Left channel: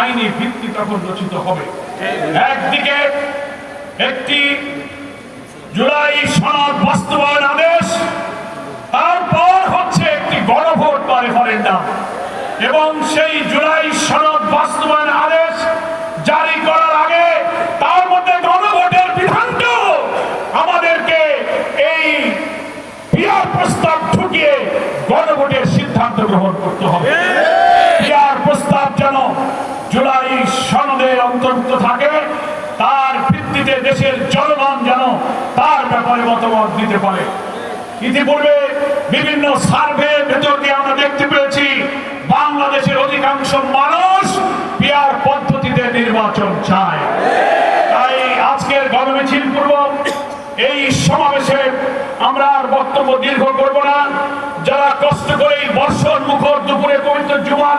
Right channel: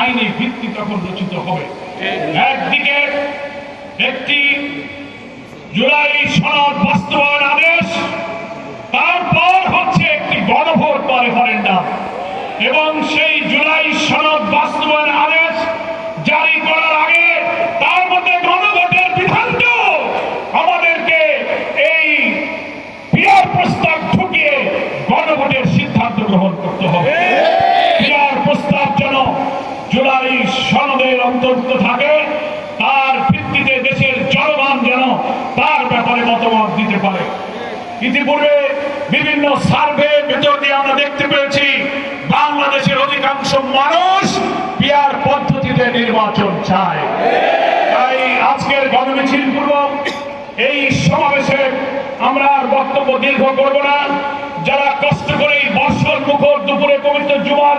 আইনি ভিত্তি তখন রচিত হবে। একদিকে একটি জুলাই সনদ বাস্তবায়ন আদেশ, তারপর হচ্ছে একটি গণভোট বা রেফারেন্ডাম। এবং সেই জুলাই সনদ বাস্তবায়ন আদেশ জারি করার আগে তার মধ্যে গণভোটের বিধানটাও আমাদেরকে এই পিয়ার প্রস্তাব ঢুকিয়ে গণভোটের সিদ্ধান্ত গ্রহণ করতে হবে পিয়ার প্রস্তাব যেন জুলাই অন্তর্ভুক্ত থাকে, তার ভিত্তিতে দেশের জনগণ যেন তার ব্যাপারে মতামত দিতে পারে। ইতিপূর্বে বিভিন্ন সার্ভে ভেতর দিয়ে আমরা দেখতে পেয়েছি, বাংলাদেশের অধিকাংশ মানুষ পিয়ার পদ্ধতিতে নির্বাচন চায়। তাই আজকের গণমিছিল পূর্বক এই সমাবেশে আমরা আর বক্তব্য দীর্ঘ করব না। যারা কষ্ট করে এই বর্ষণ মুখর দুপুরে পবিত্র জুমার